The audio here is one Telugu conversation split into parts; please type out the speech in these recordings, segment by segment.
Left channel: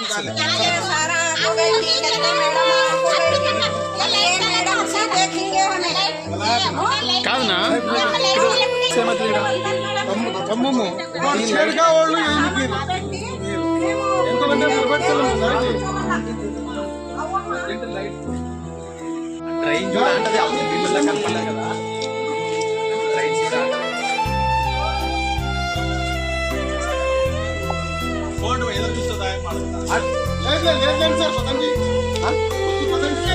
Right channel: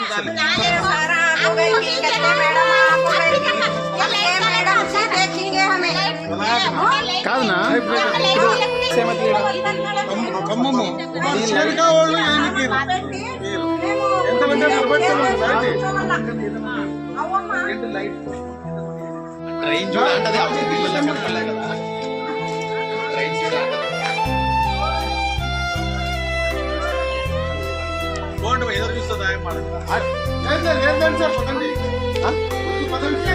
सारा हो गई थी कहते मैडम आप हो गई थी ये मैडम से देखेंगे हमें కమ్మమ్మ సరిగా వాళ్ళు ఏనికి ఎంతమంది లేదు సార్ పదండి పదండి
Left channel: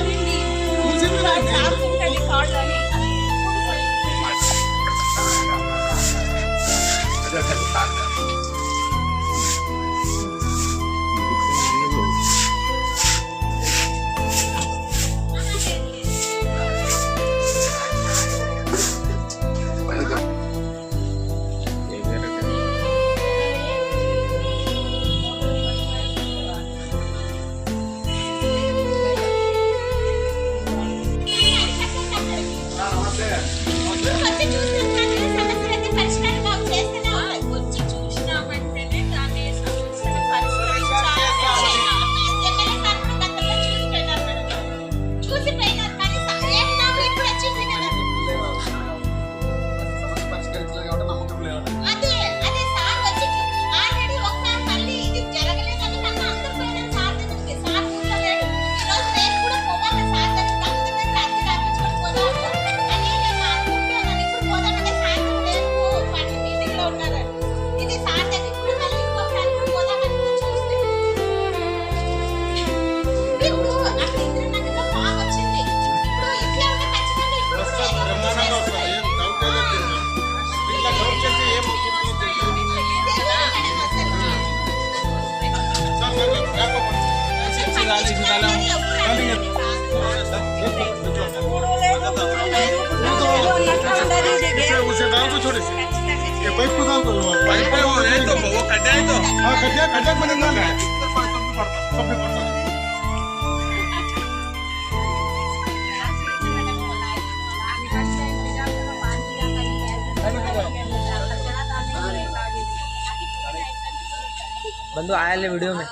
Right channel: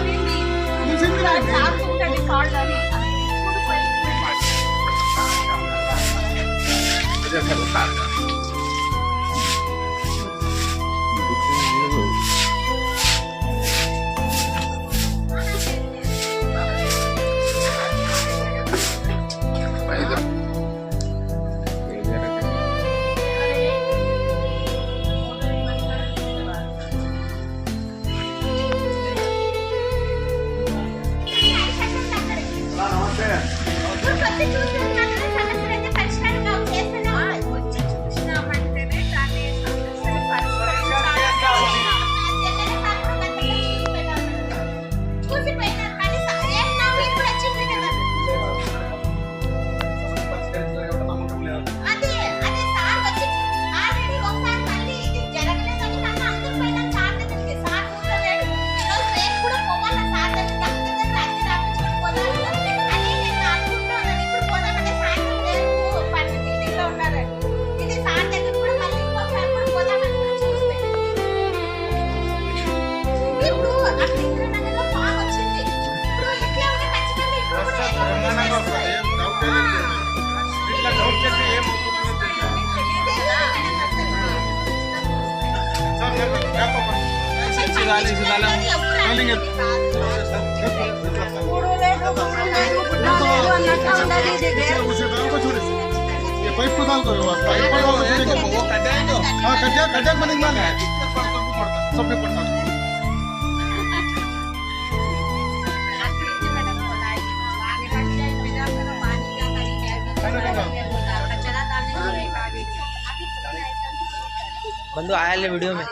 बंधु आया वीडियो में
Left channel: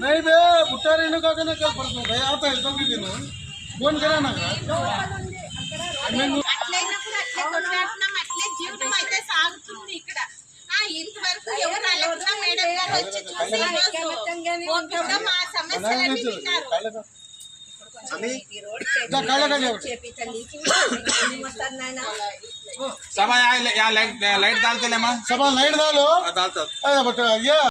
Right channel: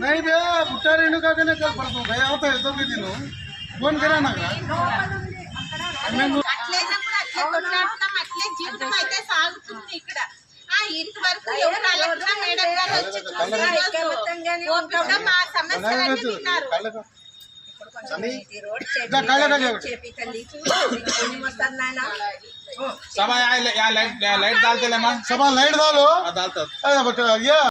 नहीं बे बुट्टा रेणु का कल पड़ता भाई आता है तो दिन फोन करा ना జీవితం అయితే సాగుతుంది ఇక్కడ ఇంతవరకు ఎవరు అలెక్సా మేడం గారు వచ్చి చూసి మా సమస్యలన్నీ విన్నారు सब यहाँ लाइट डालते ले मां सब लाइट डालो बट ये